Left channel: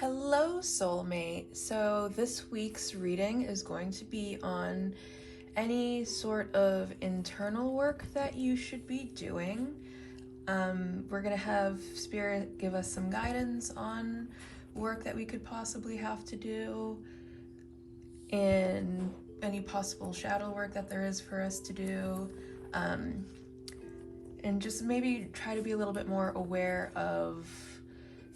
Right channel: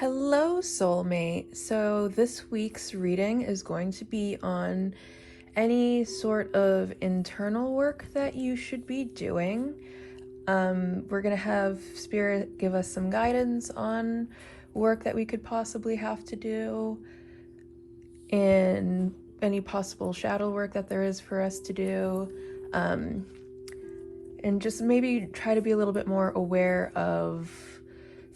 Hello, soulmate. So, this week's reading is going to be on any sort of internal work that you should be doing. We're going to have Spirit give us some guidance on work that we could possibly have to do and any possible shadow work that there is for us to do. And just maybe try to be a little bit more aware of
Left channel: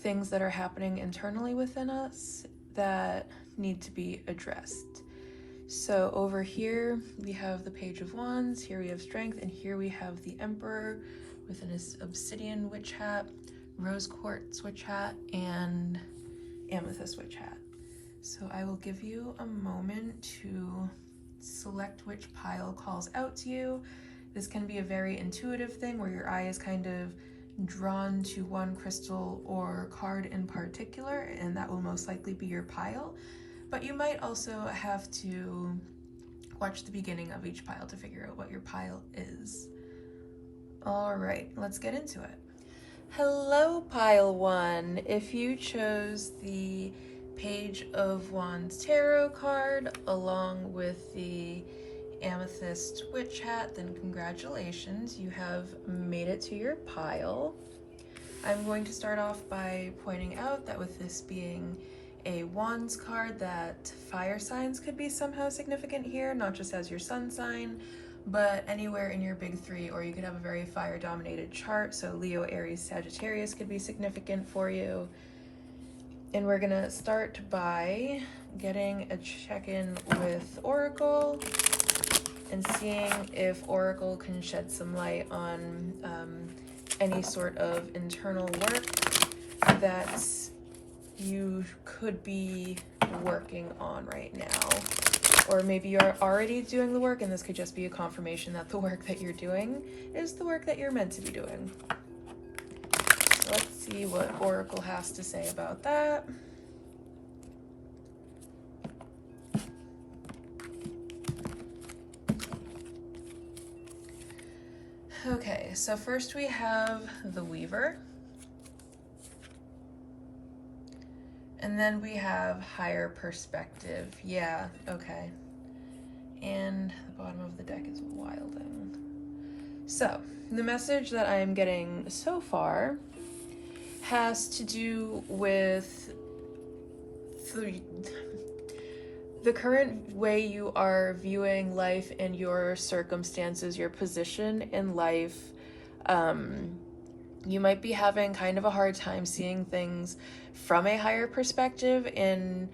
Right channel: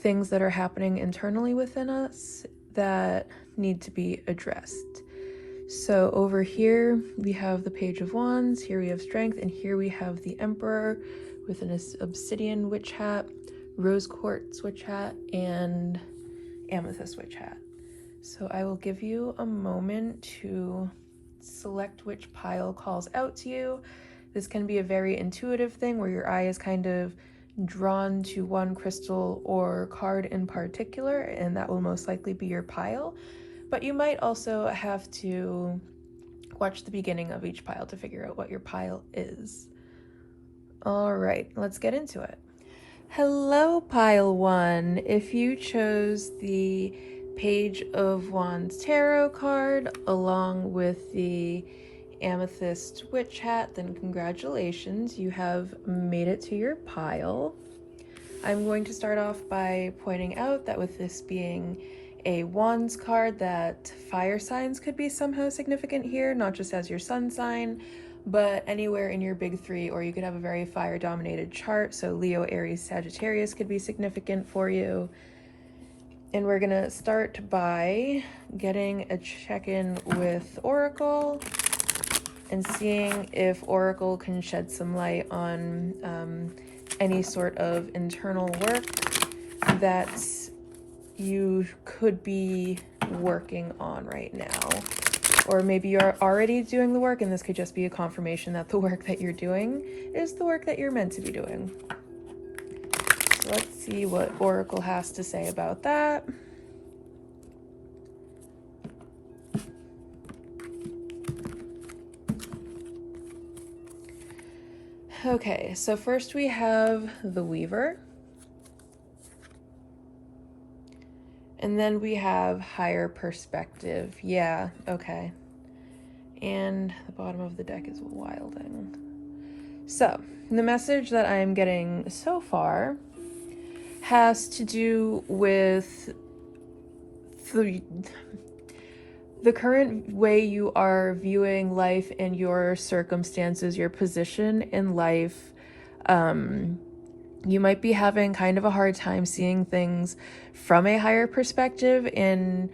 things that are happening internally within us that need to be addressed. So over here we have the Page of Wands, here we have Strength, and here we have the Emperor with an obsidian witch hat, rose quartz witch hat, and amethyst witch hat. So I will give you a moment to select which pile calls out to you. This can be a very intuitive thing where your eye is kind of drawn to one crystal or card in particular, and that will most likely be your pile. But you might also have to watch the beginning of each pile to figure out what your pile is. All right, let's get into it. Hello, pile one. If you chose the Page of Wands tarot card along with the amethyst witch hat, then congratulations, you have made it to your pile. I'm going to start off by pointing out that with this being a wands card, that fire signs could be somehow significant here, not just as your sun sign, but anywhere in your big three, or you could have a very fire dominated chart, so Leo, Aries, Sagittarius could be significant for you. And we're gonna start by getting a check-in with Oracle and seeing if Oracle can shed some light on any sort of internal work that you could be working on right now. Or maybe you're already doing the work, and this could just be a confirmation that the work that you're doing is the work that you're meant to be doing. So let's see what Oracle has to say about that. Okay, so first we have the Weaver. And then we have higher perspective. Yeah, okay. And the bottom of the deck is wilding. So, the message that I'm getting so far has to do with the current way you are viewing life and your circumstances, your position in life. You might be having kind of a hard time seeing things from a higher perspective, and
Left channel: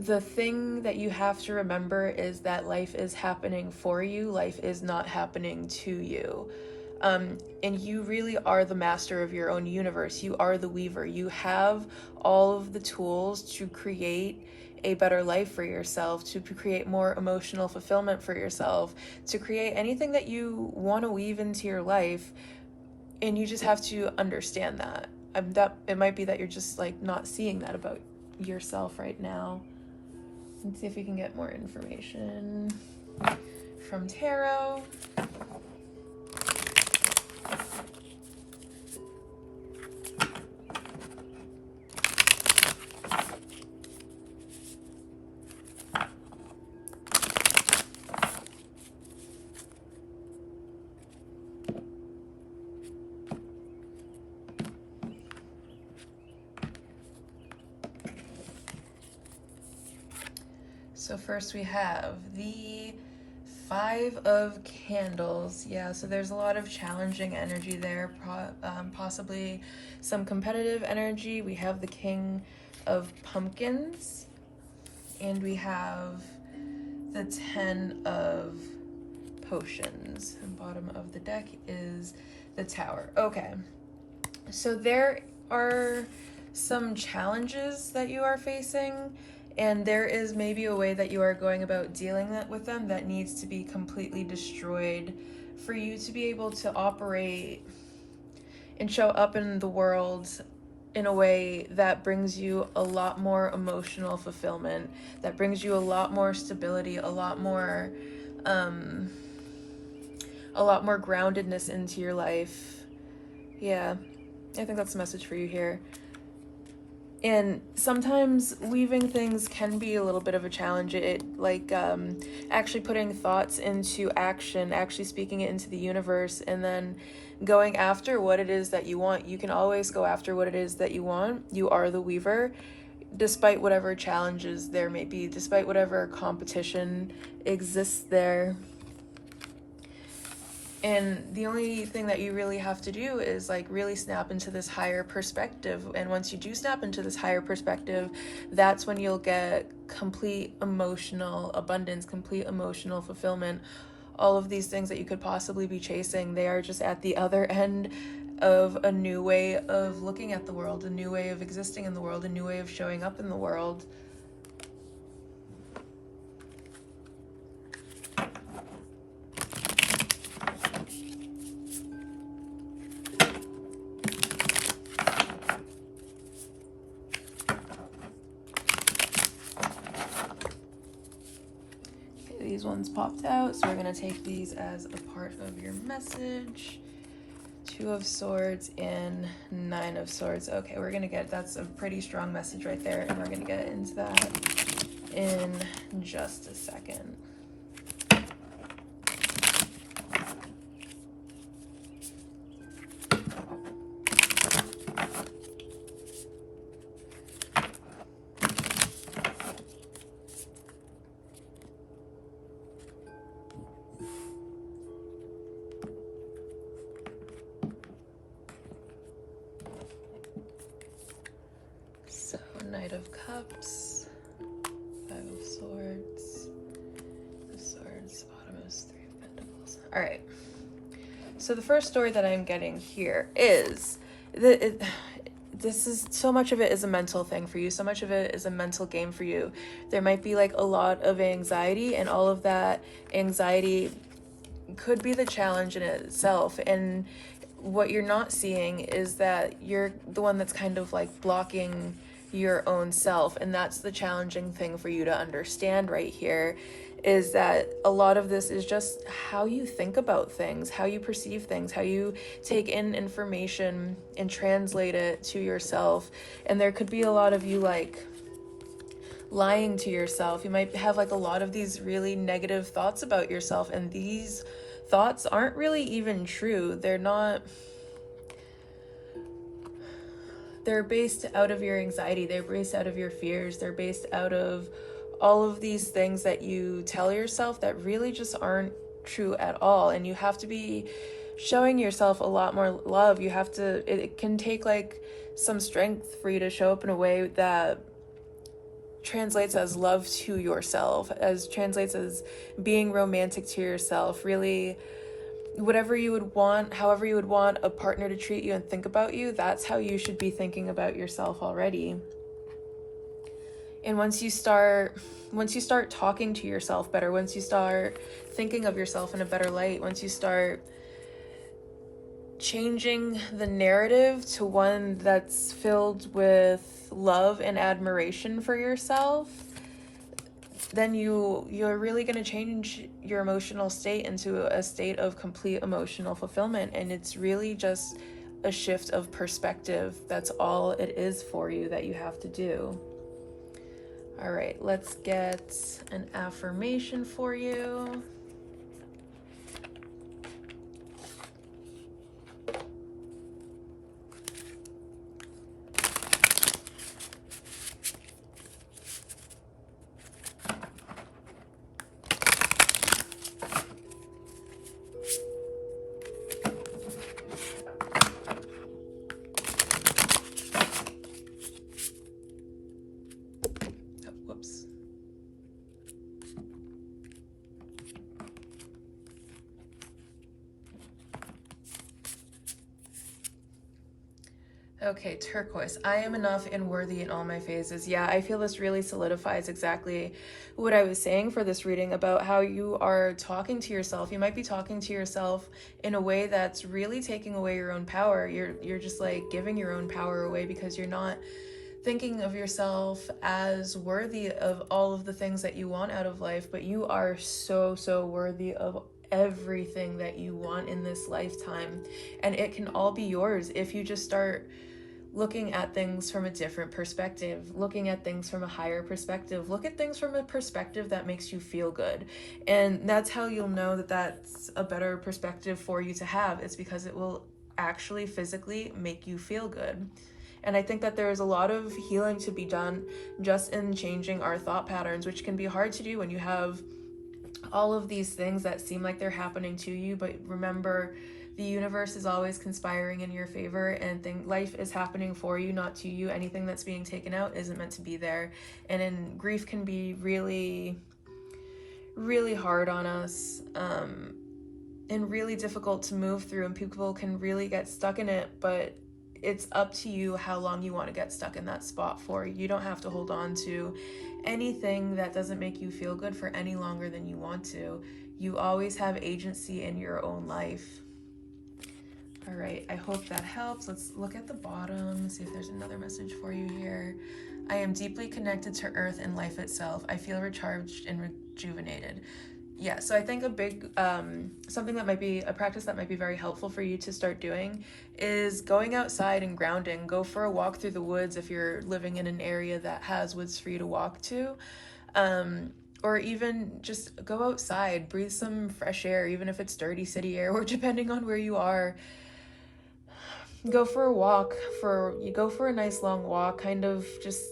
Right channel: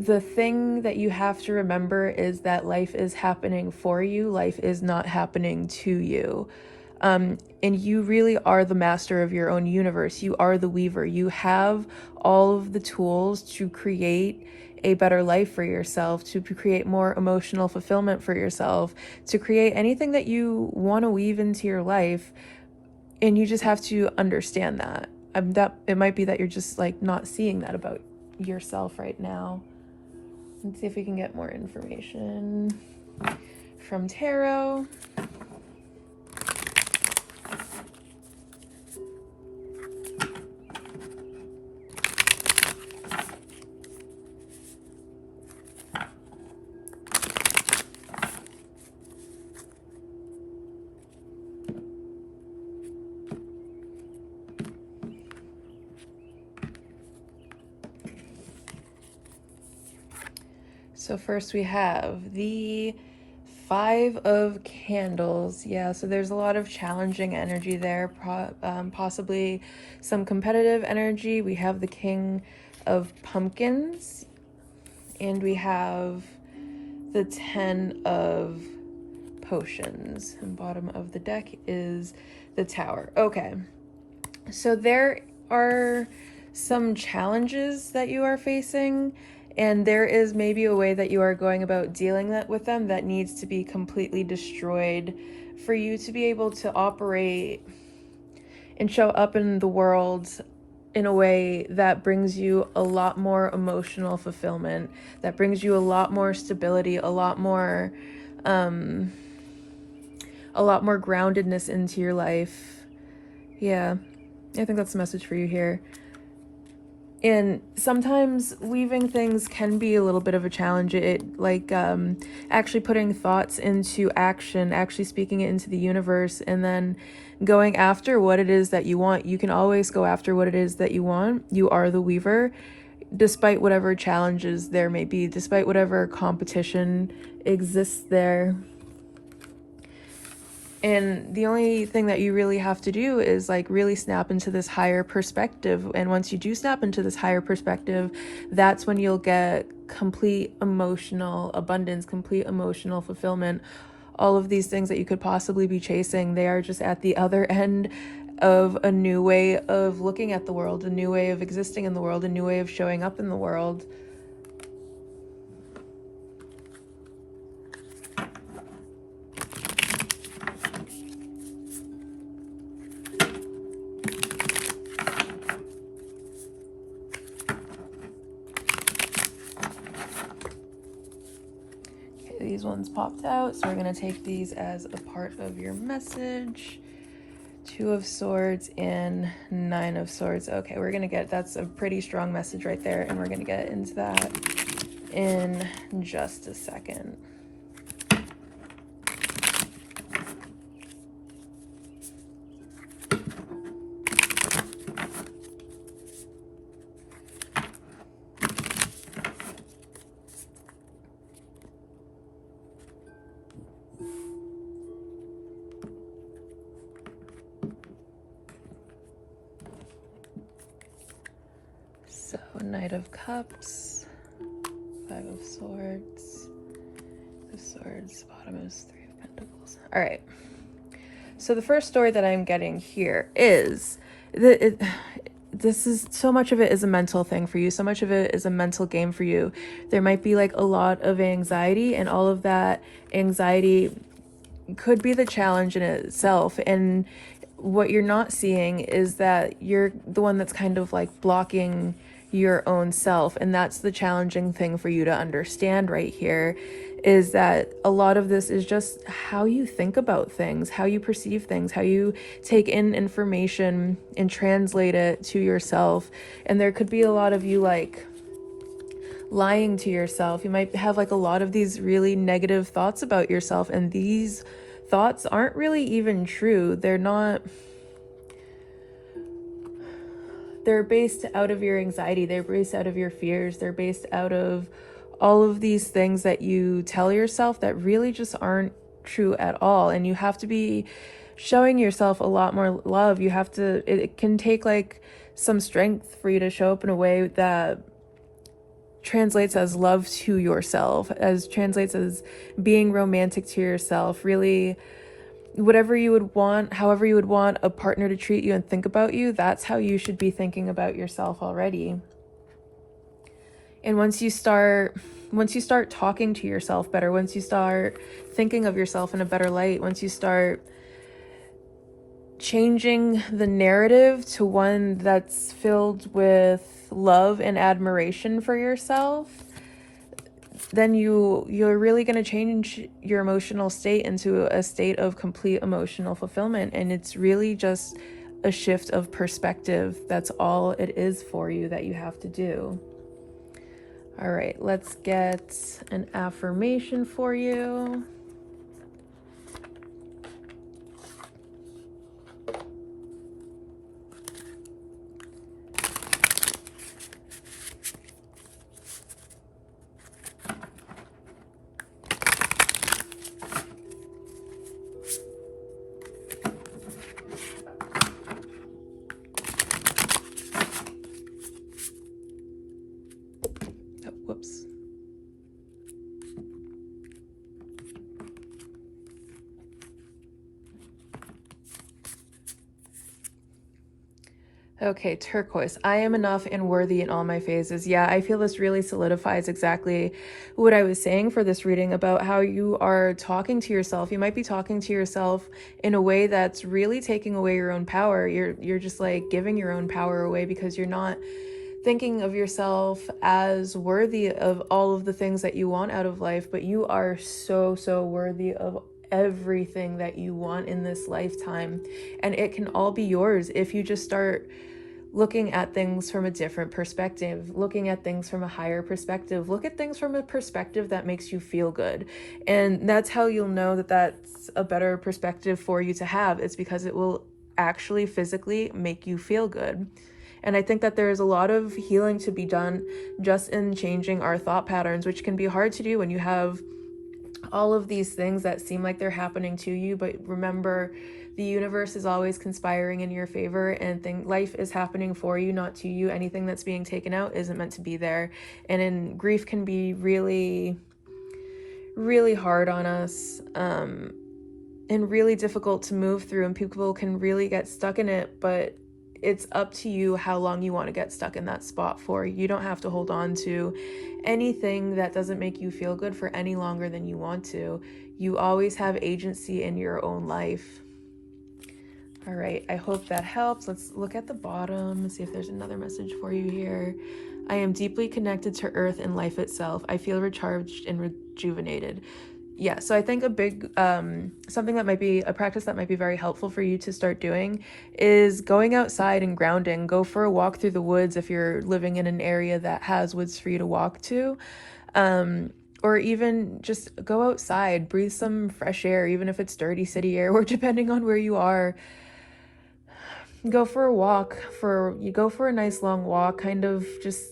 the thing that you have to remember is that life is happening for you. Life is not happening to you. And you really are the master of your own universe. You are the weaver. You have all of the tools to create a better life for yourself, to create more emotional fulfillment for yourself, to create anything that you want to weave into your life. And you just have to understand that. It might be that you're just like not seeing that about yourself right now. Let's see if we can get more information from tarot. So first we have the Five of Candles. Yeah, so there's a lot of challenging energy there, possibly some competitive energy. We have the King of Pumpkins, and we have the Ten of Potions. And bottom of the deck is the Tower. Okay, so there are some challenges that you are facing, and there is maybe a way that you are going about dealing with them that needs to be completely destroyed for you to be able to operate and show up in the world in a way that brings you a lot more emotional fulfillment, that brings you a lot more stability, a lot more groundedness into your life. Yeah, I think that's the message for you here. And sometimes weaving things can be a little bit of a challenge. Actually putting thoughts into action, actually speaking it into the universe, and then going after what it is that you want. You can always go after what it is that you want. You are the weaver, despite whatever challenges there may be, despite whatever competition exists there. And the only thing that you really have to do is like really snap into this higher perspective. And once you do snap into this higher perspective, that's when you'll get complete emotional abundance, complete emotional fulfillment. All of these things that you could possibly be chasing, they are just at the other end of a new way of looking at the world, a new way of existing in the world, a new way of showing up in the world. These ones popped out, so we're going to take these as a part of your message. 2 of Swords and 9 of Swords. Okay, we're going to get, that's a pretty strong message right there, and we're going to get into that in just a second. Knight of Cups, 5 of Swords, the Swords, bottom is 3 of Pentacles. All right. So the first story that I'm getting here is this is, so much of it is a mental thing for you. So much of it is a mental game for you. There might be like a lot of anxiety, and all of that anxiety could be the challenge in itself. And what you're not seeing is that you're the one that's kind of like blocking your own self. And that's the challenging thing for you to understand right here, is that a lot of this is just how you think about things, how you perceive things, how you take in information and translate it to yourself. And there could be a lot of you like lying to yourself. You might have like a lot of these really negative thoughts about yourself, and these thoughts aren't really even true. They're based out of your anxiety, they're based out of your fears, they're based out of all of these things that you tell yourself that really just aren't true at all. And you have to be showing yourself a lot more love. It can take like some strength for you to show up in a way that translates as love to yourself, as translates as being romantic to yourself, really whatever you would want, however you would want a partner to treat you and think about you, that's how you should be thinking about yourself already. And once you start talking to yourself better, once you start thinking of yourself in a better light, once you start changing the narrative to one that's filled with love and admiration for yourself, then you're really going to change your emotional state into a state of complete emotional fulfillment. And it's really just a shift of perspective. That's all it is for you that you have to do. All right, let's get an affirmation for you. Okay, turquoise. I am enough and worthy in all my phases. Yeah, I feel this really solidifies exactly what I was saying for this reading about how you are talking to yourself. You might be talking to yourself in a way that's really taking away your own power. You're just like giving your own power away, because you're not thinking of yourself as worthy of all of the things that you want out of life, but you are so worthy of everything that you want in this lifetime. And it can all be yours if you just start looking at things from a different perspective, looking at things from a higher perspective. Look at things from a perspective that makes you feel good. And that's how you'll know that that's a better perspective for you to have. It's because it will actually physically make you feel good. And I think that there's a lot of healing to be done just in changing our thought patterns, which can be hard to do when you have all of these things that seem like they're happening to you. But remember, the universe is always conspiring in your favor, and life is happening for you, not to you. Anything that's being taken out isn't meant to be there. And grief can be really, really hard on us, and really difficult to move through, and people can really get stuck in it. But it's up to you how long you want to get stuck in that spot for. You don't have to hold on to anything that doesn't make you feel good for any longer than you want to. You always have agency in your own life. All right, I hope that helps. Let's look at the bottom, see if there's another message for you here. I am deeply connected to Earth and life itself. I feel recharged and rejuvenated. Yeah, so I think a big, something that might be, a practice that might be very helpful for you to start doing is going outside and grounding. Go for a walk through the woods if you're living in an area that has woods for you to walk to. Or even just go outside, breathe some fresh air, even if it's dirty city air, or depending on where you are. Go for a walk, you go for a nice long walk, kind of just,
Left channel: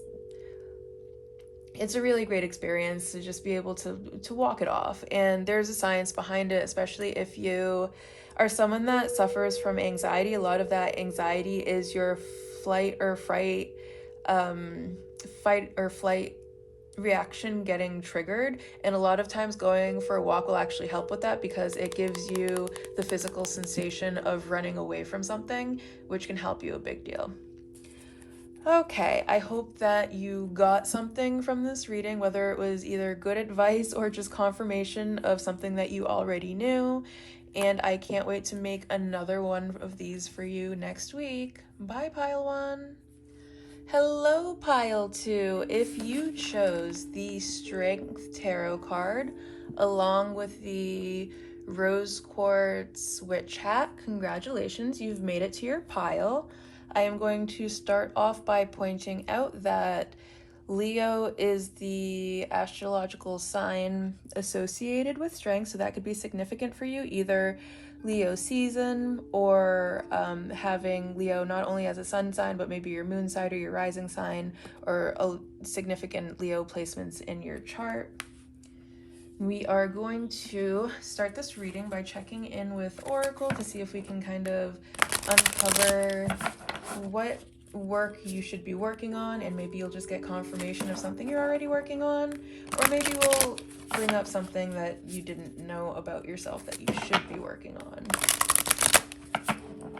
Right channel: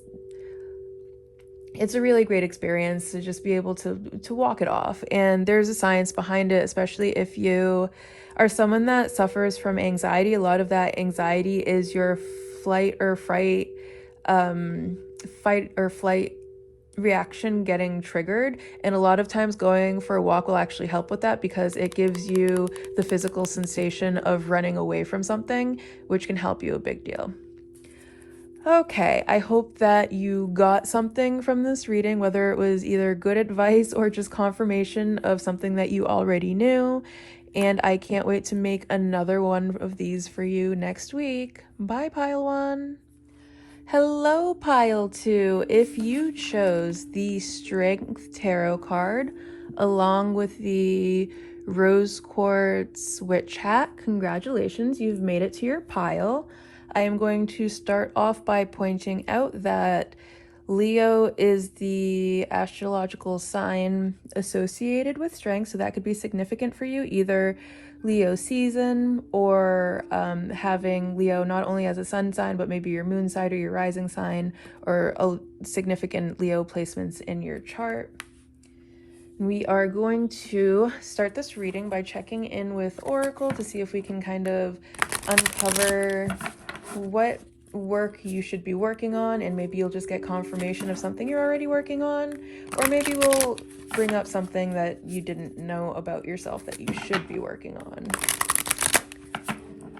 it's a really great experience to just be able to walk it off. And there's a science behind it, especially if you are someone that suffers from anxiety. A lot of that anxiety is your fight or flight reaction getting triggered, and a lot of times going for a walk will actually help with that, because it gives you the physical sensation of running away from something, which can help you a big deal. Okay, I hope that you got something from this reading, whether it was either good advice or just confirmation of something that you already knew. And I can't wait to make another one of these for you next week. Bye, Pile 1. Hello, Pile 2. If you chose the Strength Tarot card along with the Rose Quartz Witch Hat, congratulations, you've made it to your pile. I am going to start off by pointing out that Leo is the astrological sign associated with strength, so that could be significant for you, either Leo season or having Leo not only as a sun sign, but maybe your moon sign or your rising sign, or a significant Leo placements in your chart. We are going to start this reading by checking in with Oracle to see if we can kind of uncover what work you should be working on, and maybe you'll just get confirmation of something you're already working on, or maybe we'll bring up something that you didn't know about yourself that you should be working on.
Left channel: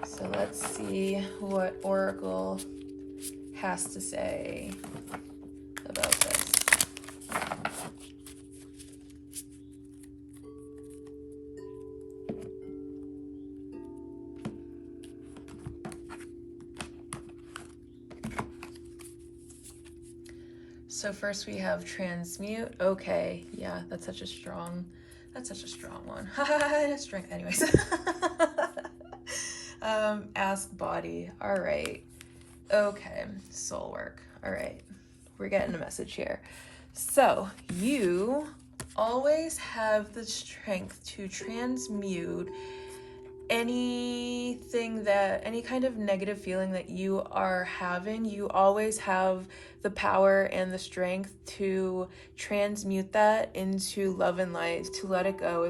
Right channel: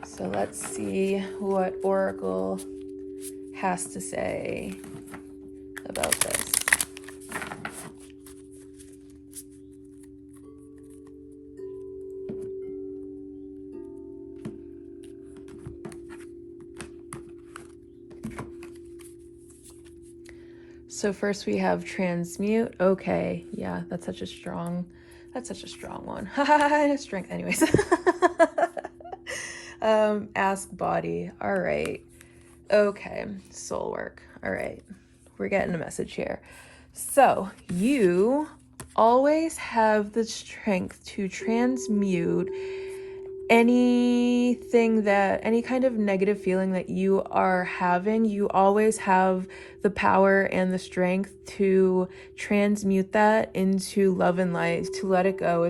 So let's see what Oracle has to say about this. So first we have transmute. Okay, yeah, that's such a strong one. Strength, anyways. Ask body. All right. Okay, soul work. All right, we're getting a message here. So you always have the strength to transmute any kind of negative feeling that you are having. You always have the power and the strength to transmute that into love and light, to let it go.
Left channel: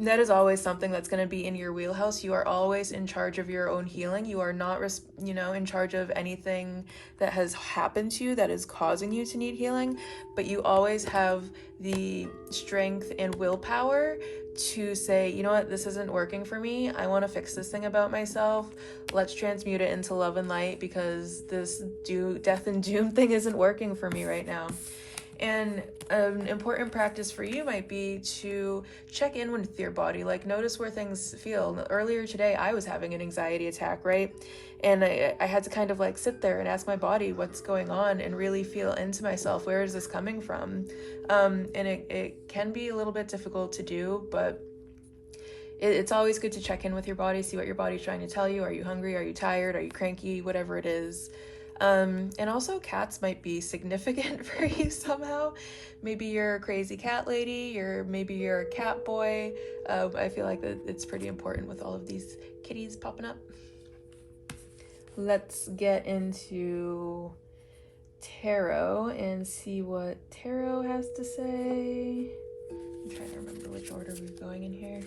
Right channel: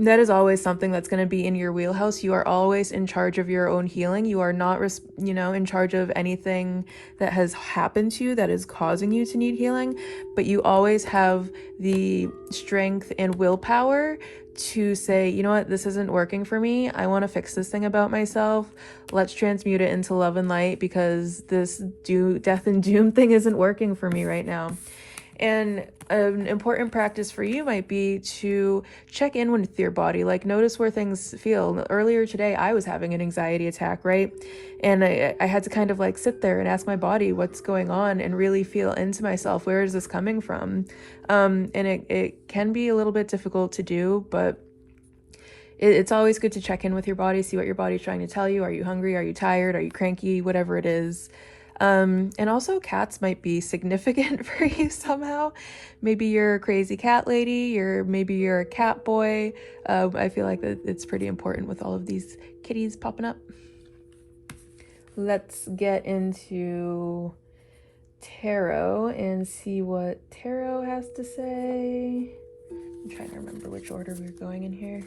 That is always something that's going to be in your wheelhouse. You are always in charge of your own healing. You are not, in charge of anything that has happened to you that is causing you to need healing, but you always have the strength and willpower to say, you know what, this isn't working for me. I want to fix this thing about myself. Let's transmute it into love and light, because this death and doom thing isn't working for me right now. And an important practice for you might be to check in with your body, like notice where things feel. Earlier today, I was having an anxiety attack, right? And I had to kind of like sit there and ask my body what's going on and really feel into myself. Where is this coming from? And it can be a little bit difficult to do, but it's always good to check in with your body, see what your body's trying to tell you. Are you hungry? Are you tired? Are you cranky? Whatever it is. And also cats might be significant for you somehow. Maybe you're a crazy cat lady, or maybe you're a cat boy. I feel like it's pretty important with all of these kitties popping up. Let's get into tarot and see what tarot has to say. I'm trying to remember which order we're going in here.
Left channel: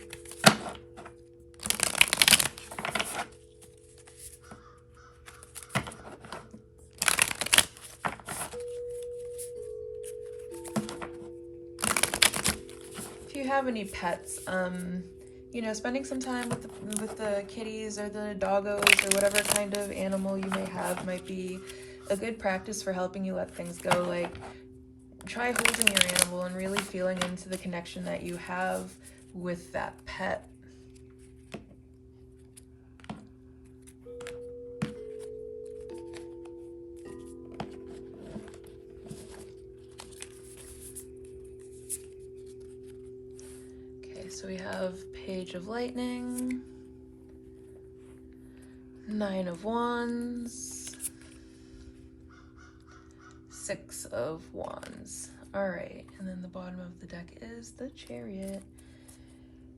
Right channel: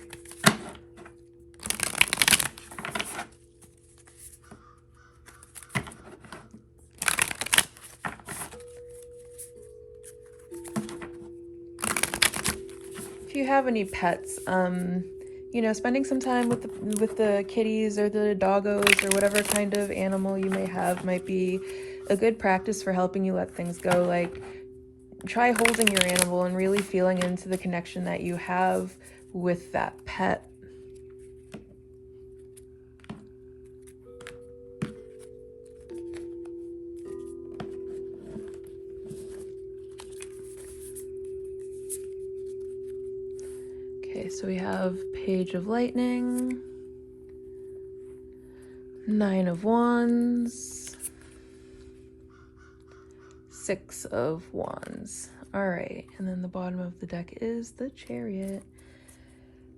If you have any pets, you know, spending some time with the kitties or the doggos or whatever kind of animal you may have might be a good practice for helping you let things go. Like, try holding your animal and really feeling into the connection that you have with that pet. Okay, so we have Page of Lightning, Nine of Wands, Six of Wands. All right, and then the bottom of the deck is the Chariot.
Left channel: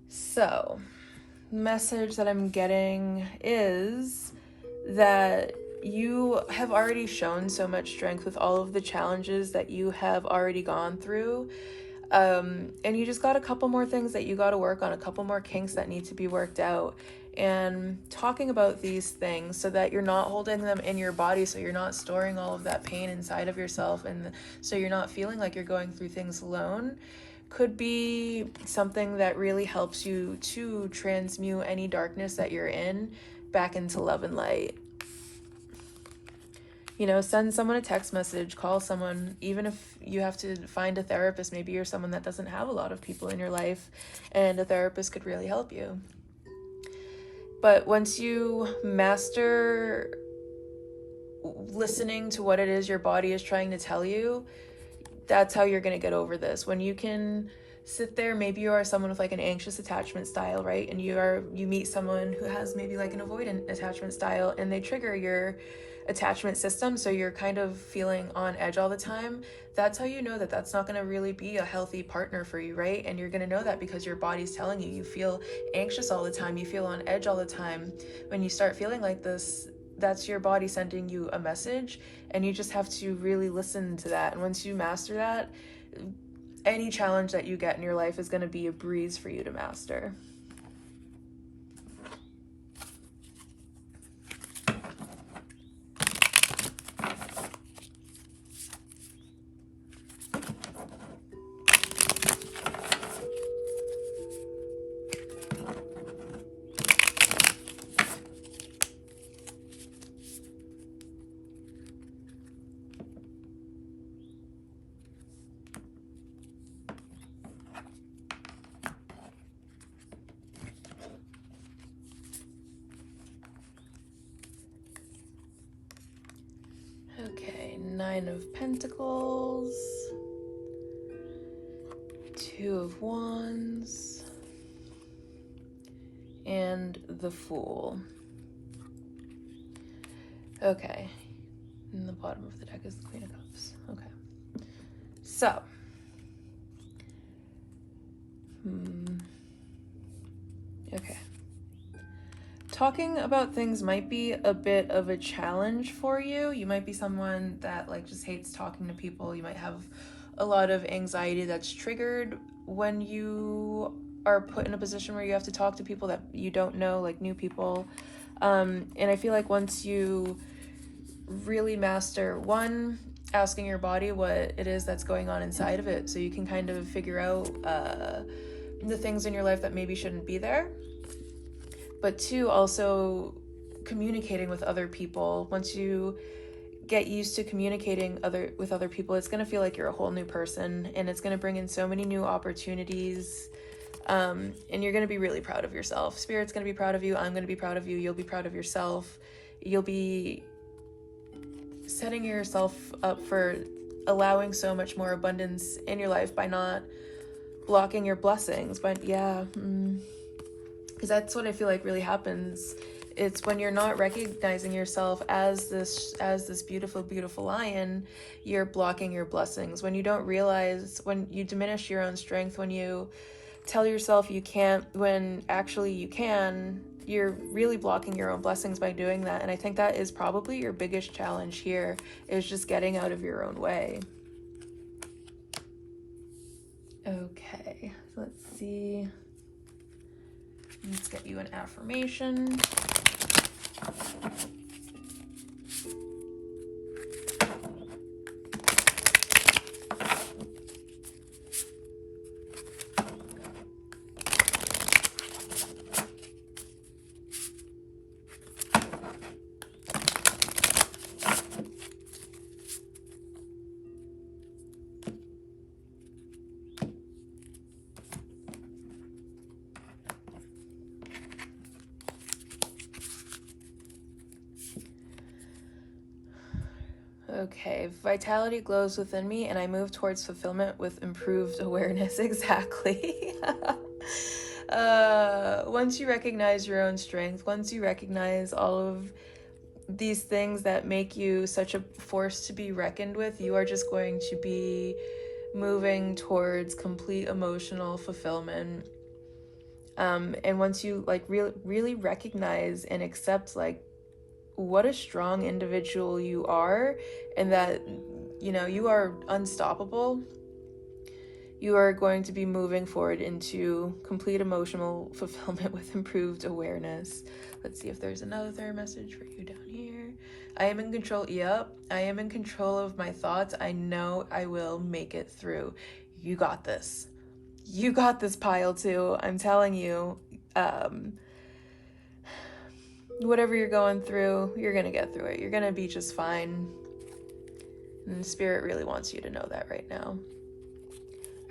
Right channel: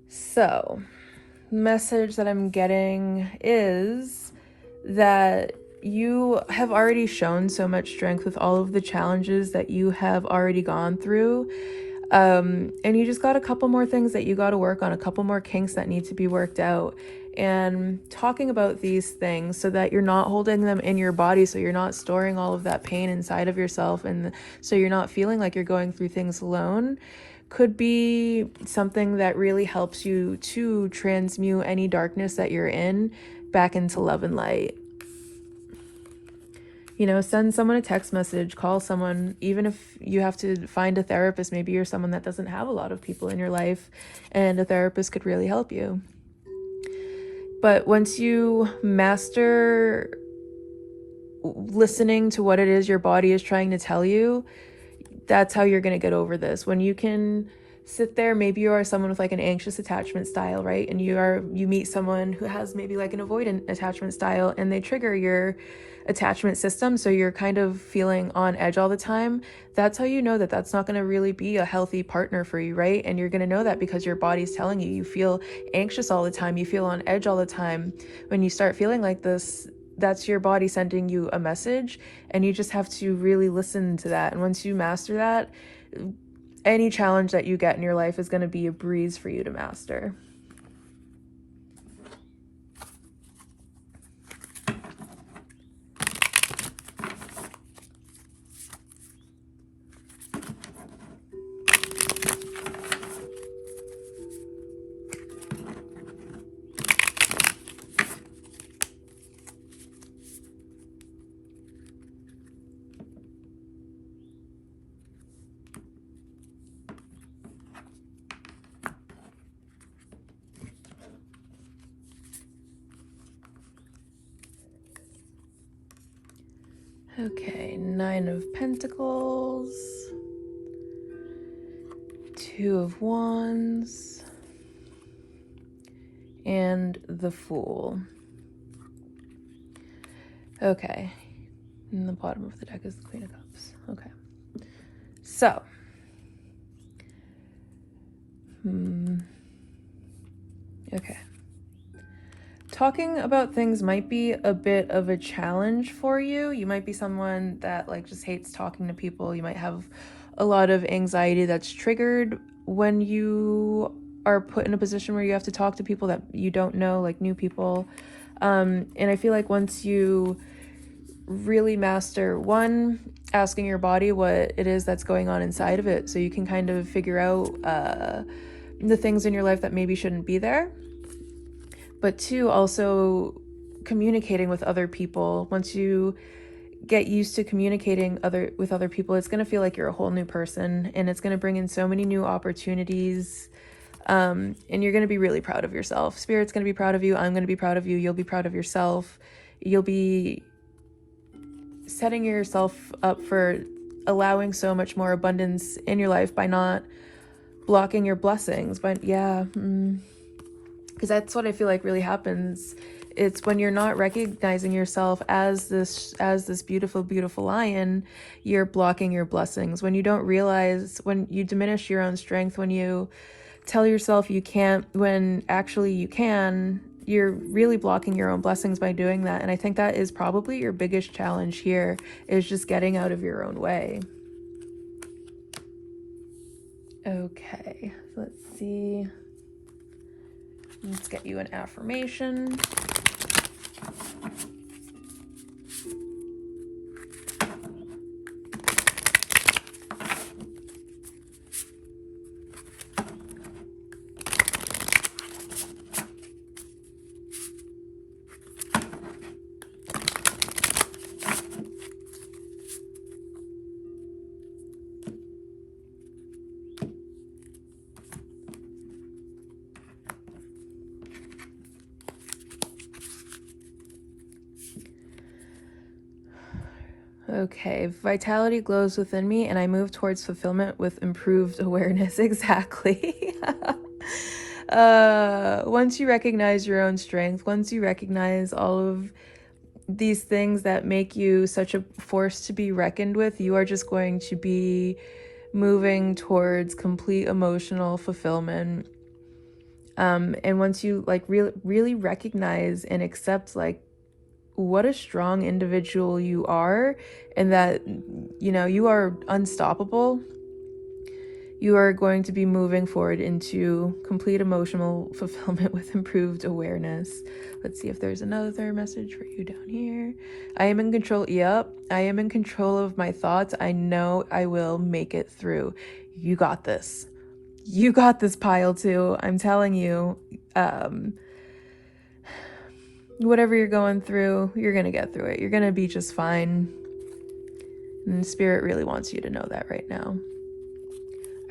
So, message that I'm getting is that you have already shown so much strength with all of the challenges that you have already gone through. And you just got a couple more things that you got to work on, a couple more kinks that need to be worked out. And talking about these things so that you're not holding them in your body, so you're not storing all of that pain inside of yourself, and so you're not feeling like you're going through things alone, could be something that really helps you to transmute any darkness that you're in back into love and light. You know, send someone a text message, call someone, even if you have to find a therapist. Maybe you're someone that doesn't have a lot of people in your life, and a therapist could really help you. But once you master listening to what it is your body is trying to tell you, that's how you're going to get over this. When you can sit there, maybe you are someone with like an anxious attachment style, right? And you meet someone who has maybe like an avoidant attachment style, and they trigger your attachment system, so you're kind of feeling on edge all the time. That's how you know that that's not going to really be a healthy partner for you, right? And you're going to know that because your body's telling you. You feel anxious all the time, you feel on edge all the time. When you start feeling like this, that's your body sending you a message, and you just have to really listen to that. And once you master that, any challenge that you get in your life is going to be a breeze for you to master. Okay, Nine of Pentacles, Two of Wands, and the Fool. Okay, and the bottom of the deck is the Queen of Cups. Okay, so okay, talking about things might be a bit of a challenge for you. You might be someone that like just hates talking to people. You might have a lot of anxiety that's triggered when you are put in a position where you have to talk to people that you don't know, like new people. And I feel like once you really master one, asking your body what it is that's going on inside of it, so you can kind of figure out the things in your life that maybe shouldn't be there. But two, also communicating with other people. Once you get used to communicating with other people, it's going to feel like you're a whole new person, and it's going to bring in so many new opportunities. And you're going to be really proud of yourself. Spirit's going to be proud of you. I'm going to be proud of you. You'll be proud of yourself. You'll be setting yourself up for allowing so much more abundance in your life by not blocking your blessings. But yeah, because that's what I feel like really happens. It's when you're not recognizing yourself as this beautiful, beautiful lion, you're blocking your blessings. When you don't realize, when you diminish your own strength, when you tell yourself you can't when actually you can, you're really blocking your own blessings by doing that. And I think that is probably your biggest challenge here, is just getting out of your own way. Okay, let's see. Let's get you an affirmation. Okay, vitality glows within me and I move towards fulfillment with improved awareness. Exactly. Once you recognize your own strength, once you recognize all of these things that make you such a force to be reckoned with, you are just going to be moving towards complete emotional fulfillment. And once you like really recognize and accept like what a strong individual you are, and that, you know, you are unstoppable, you are going to be moving forward into complete emotional fulfillment with improved awareness. Let's see if there's another message for you down here. I am in control. Yep, I am in control of my thoughts. I know I will make it through. You got this. You got this, Pile 2. I'm telling you, whatever you're going through, you're gonna get through it. You're gonna be just fine. And Spirit really wants you to know that right now.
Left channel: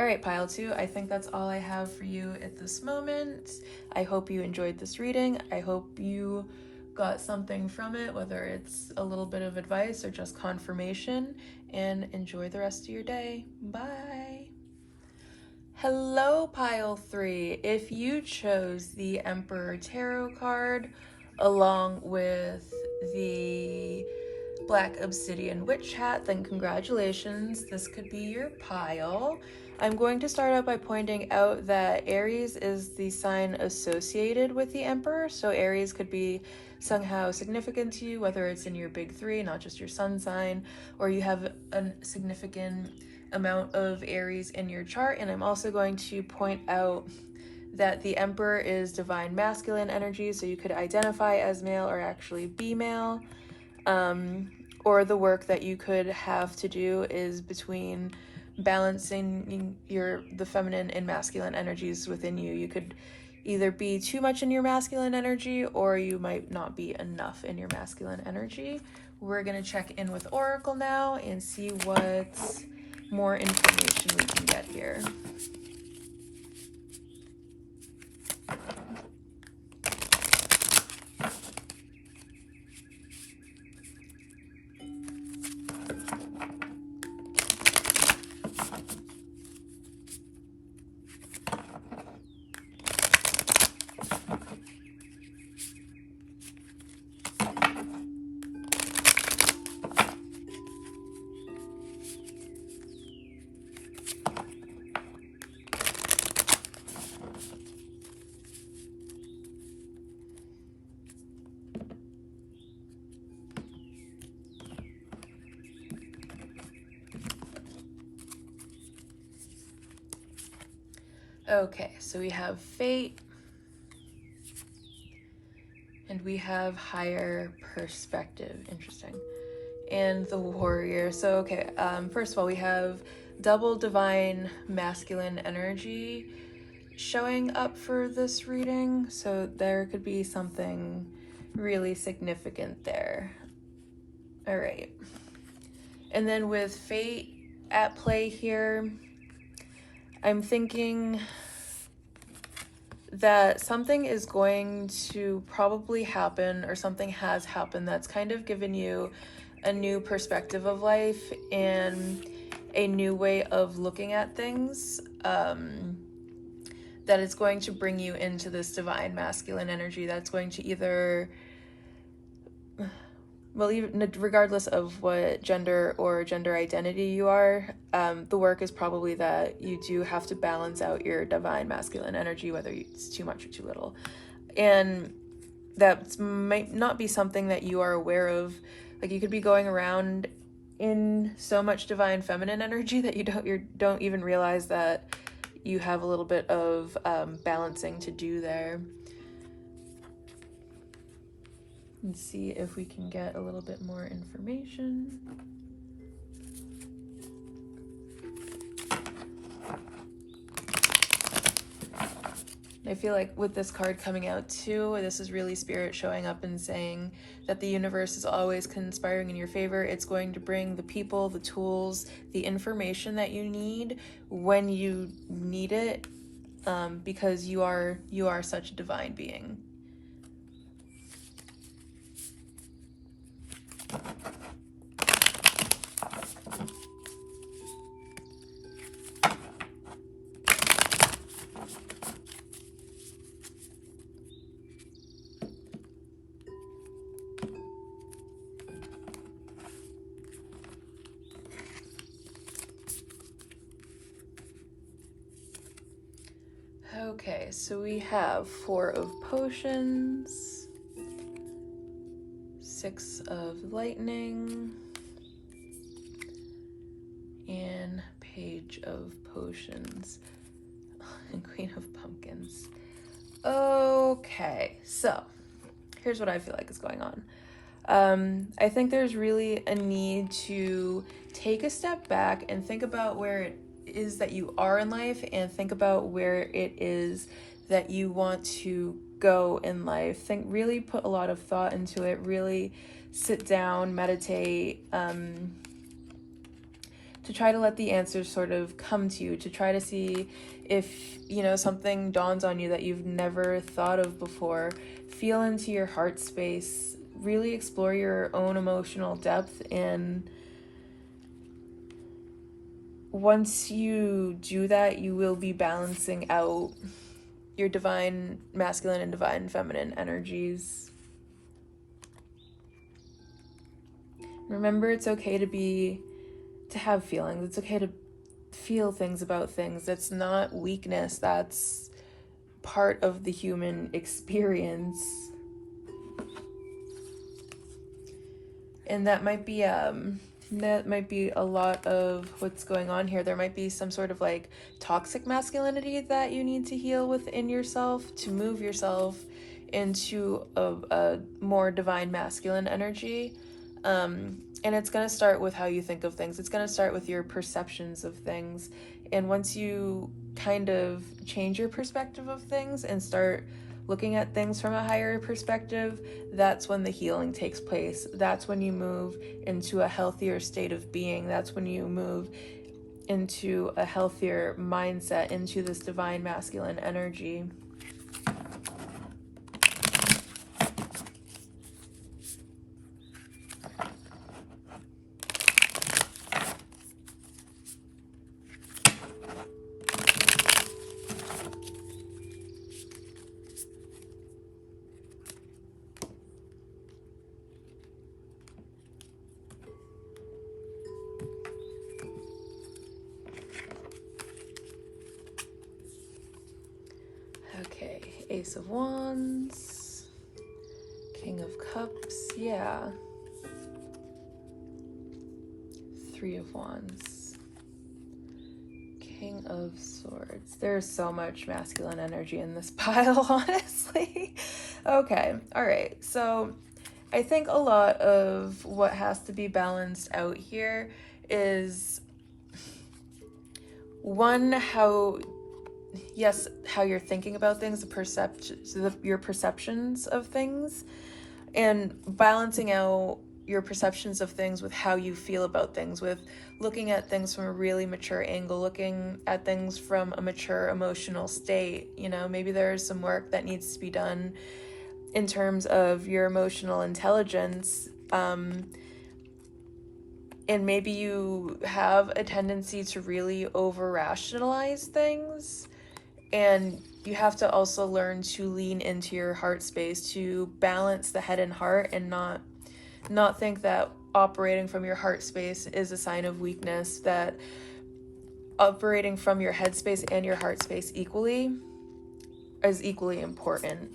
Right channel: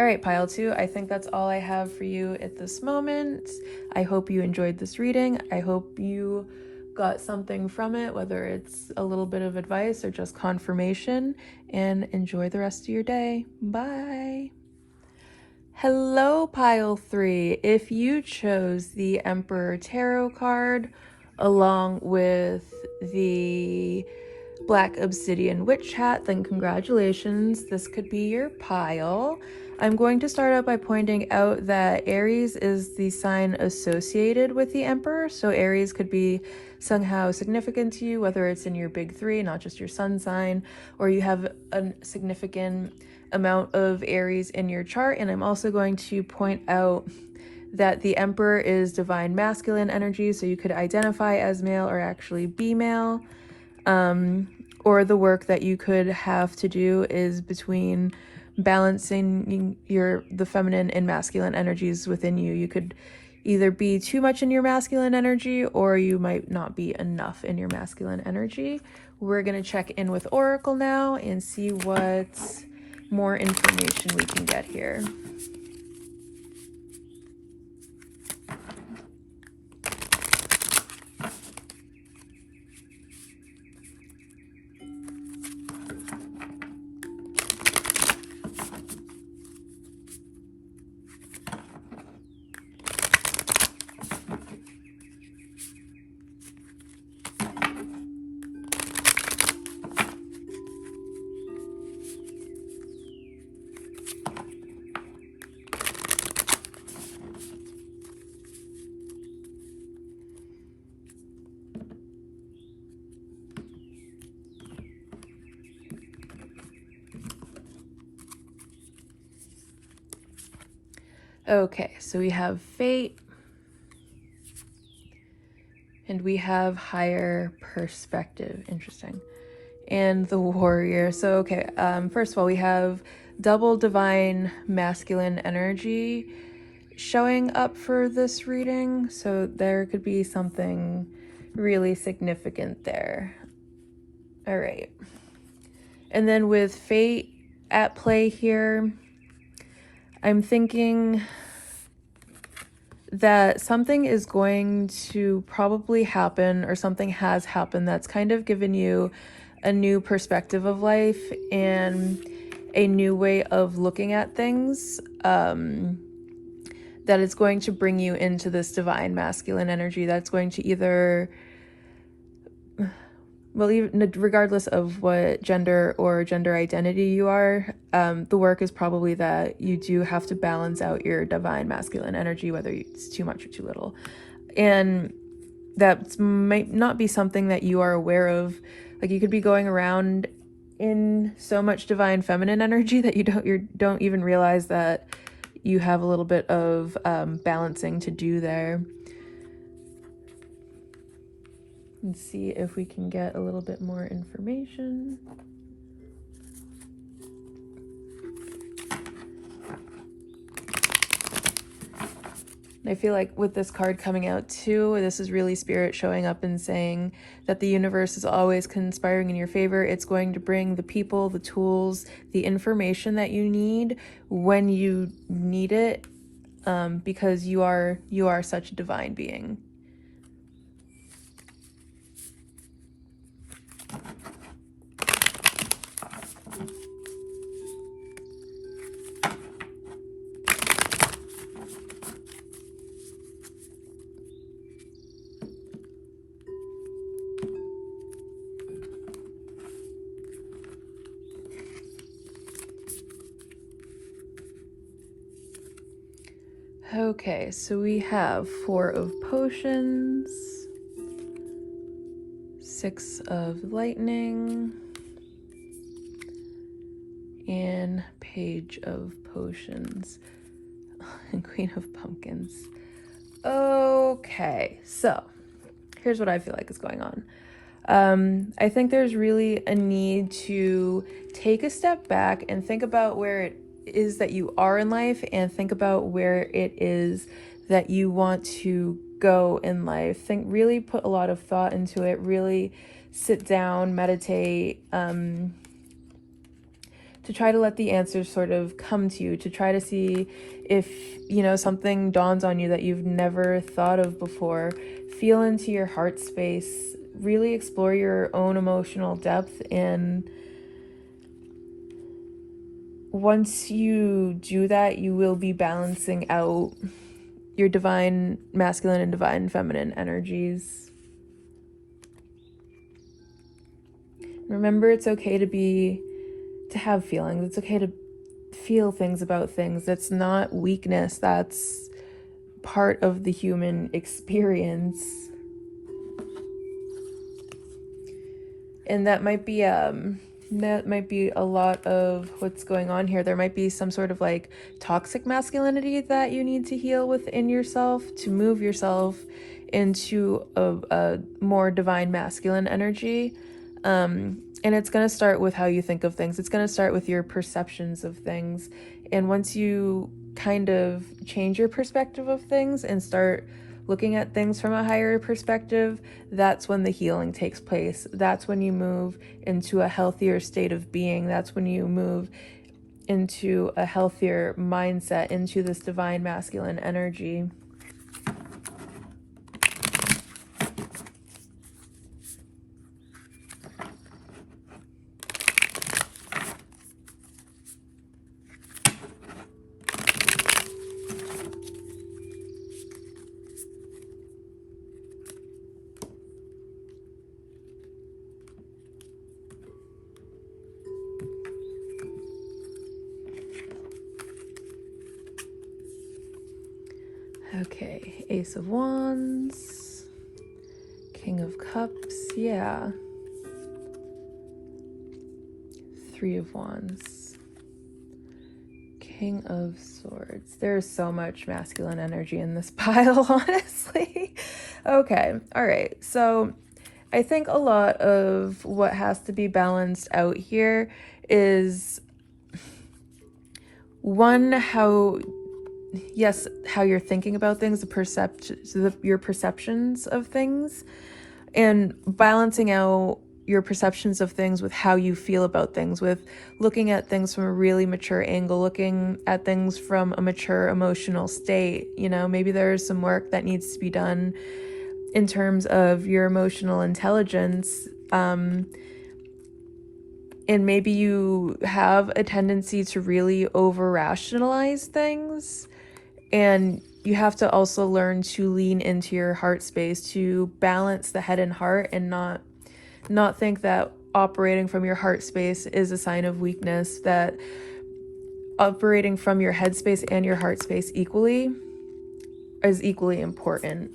All right, Pile 2, I think that's all I have for you at this moment. I hope you enjoyed this reading. I hope you got something from it, whether it's a little bit of advice or just confirmation, and enjoy the rest of your day. Bye. Hello, Pile 3. If you chose the Emperor Tarot card along with the Black Obsidian Witch hat, then congratulations, this could be your pile. I'm going to start out by pointing out that Aries is the sign associated with the Emperor, so Aries could be somehow significant to you, whether it's in your big three, not just your sun sign, or you have a significant amount of Aries in your chart. And I'm also going to point out that the Emperor is divine masculine energy, so you could identify as male or actually be male. Or the work that you could have to do is between balancing the feminine and masculine energies within you. You could either be too much in your masculine energy, or you might not be enough in your masculine energy. We're going to check in with Oracle now and see what more information we can get here. Okay, so we have Fate, and we have Higher Perspective. Interesting. And the Warrior. So, okay, first of all, we have double divine masculine energy showing up for this reading. So there could be something really significant there. All right. And then with Fate at play here, I'm thinking that something is going to probably happen, or something has happened that's kind of given you a new perspective of life and a new way of looking at things. that it's going to bring you into this divine masculine energy that's going to either, well, even regardless of what gender or gender identity you are, the work is probably that you do have to balance out your divine masculine energy, whether it's too much or too little. And that might not be something that you are aware of. Like, you could be going around in so much divine feminine energy that you don't even realize that you have a little bit of balancing to do there. Let's see if we can get a little bit more information. I feel like with this card coming out too, this is really Spirit showing up and saying that the universe is always conspiring in your favor. It's going to bring the people, the tools, the information that you need when you need it, because you are such a divine being. Okay, so we have 4 of Potions, 6 of Lightning, and Page of Potions, and Queen of Pumpkins. Okay, so here's what I feel like is going on. I think there's really a need to take a step back and think about where it is that you are in life, and think about where it is that you want to go in life. Really put a lot of thought into it, really sit down, meditate, to try to let the answers sort of come to you, to try to see if, something dawns on you that you've never thought of before. Feel into your heart space, really explore your own emotional depth, and once you do that, you will be balancing out your divine masculine and divine feminine energies. Remember, it's okay to have feelings. It's okay to feel things about things. That's not weakness. That's part of the human experience. And that might be a lot of what's going on here. There might be some sort of like toxic masculinity that you need to heal within yourself to move yourself into a more divine masculine energy. And it's going to start with how you think of things. It's going to start with your perceptions of things. And once you kind of change your perspective of things and start looking at things from a higher perspective, that's when the healing takes place. That's when you move into a healthier state of being. That's when you move into a healthier mindset, into this divine masculine energy. Okay, Ace of Wands, King of Cups, yeah. 3 of Wands, King of Swords. There's so much masculine energy in this pile, honestly. Okay, all right. So I think a lot of what has to be balanced out here is, one, how you're thinking about things, your perceptions of things, and balancing out your perceptions of things with how you feel about things, with looking at things from a really mature angle, looking at things from a mature emotional state. Maybe there's some work that needs to be done in terms of your emotional intelligence, and maybe you have a tendency to really over rationalize things, And you have to also learn to lean into your heart space, to balance the head and heart, and not think that operating from your heart space is a sign of weakness, that operating from your head space and your heart space is equally important.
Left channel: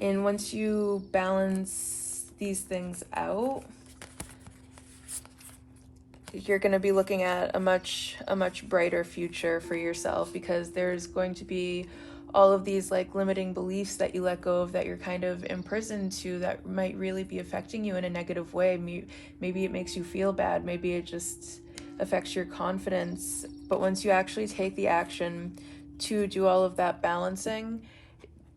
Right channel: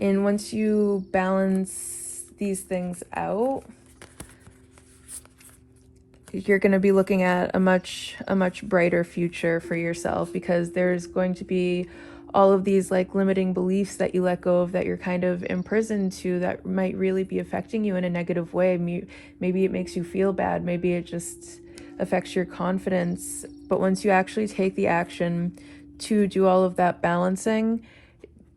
And once you balance these things out, you're going to be looking at a much brighter future for yourself, because there's going to be all of these like limiting beliefs that you let go of, that you're kind of imprisoned to, that might really be affecting you in a negative way. Maybe it makes you feel bad, maybe it just affects your confidence. But once you actually take the action to do all of that balancing,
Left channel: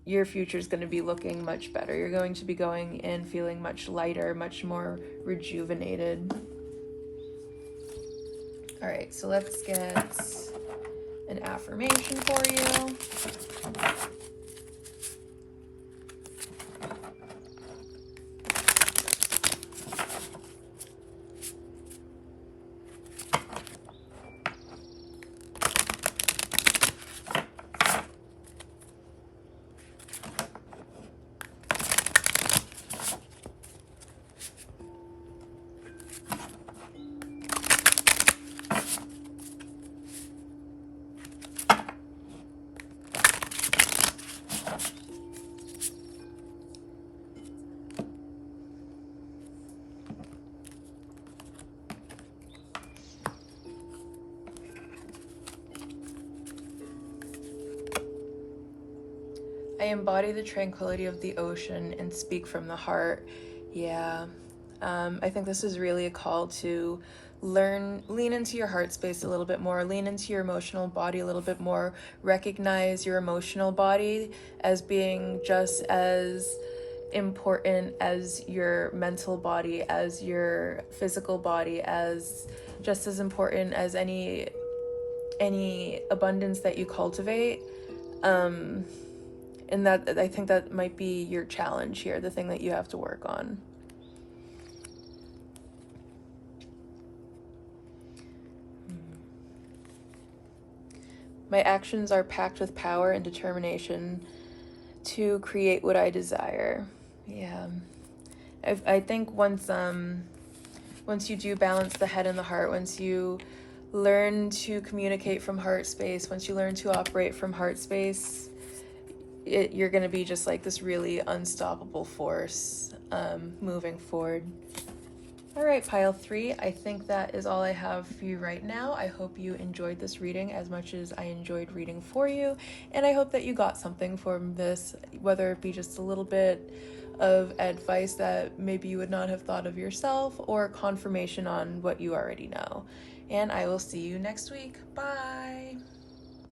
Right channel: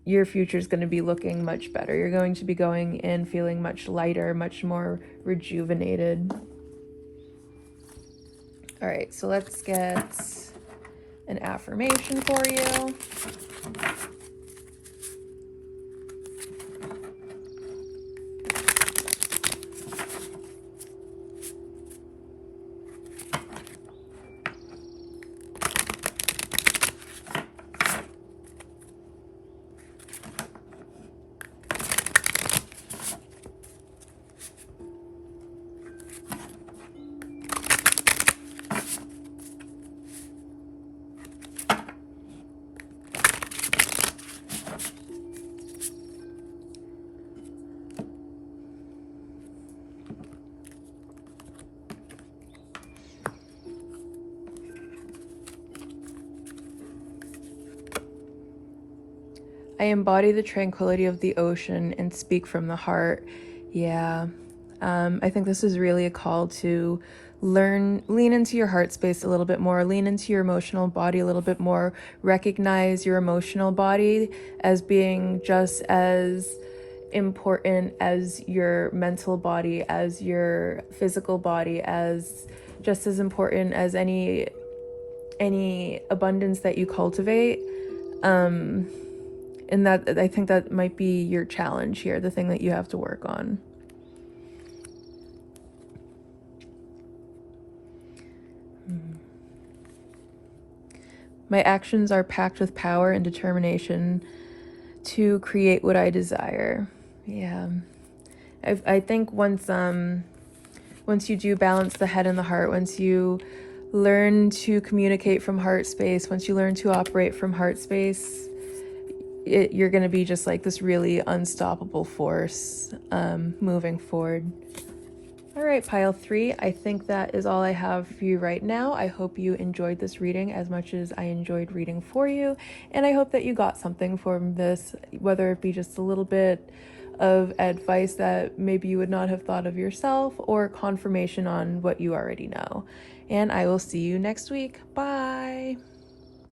your future is going to be looking much better. You're going to be going in feeling much lighter, much more rejuvenated. All right, so let's get an affirmation for you. I embody the tranquility of the ocean and speak from the heart. Yeah. I think this is really a call to lean into your heart space a little bit more, lean into your emotional body a little bit more, recognize your emotional body as being just as important as your mental body, as your physical body, as just as important as any abundance that you cultivate. And that, I think that might be your challenge here, the thing that you have to work on. My actions are packed with power and determination to create what I desire. Yeah. I think once you do balance the head and the heart, once you learn to communicate from heart space, once you learn to operate from heart space, you're going to be just like this really unstoppable force moving forward. All right, pile 3, I think that is all I have for you right now. I hope you enjoyed this reading as much as I enjoyed reading for you, and I hope that you got something from this, whether it be just a little bit of advice that maybe you would not have thought of yourself, or confirmation on what you already know. And I will see you next week. Bye!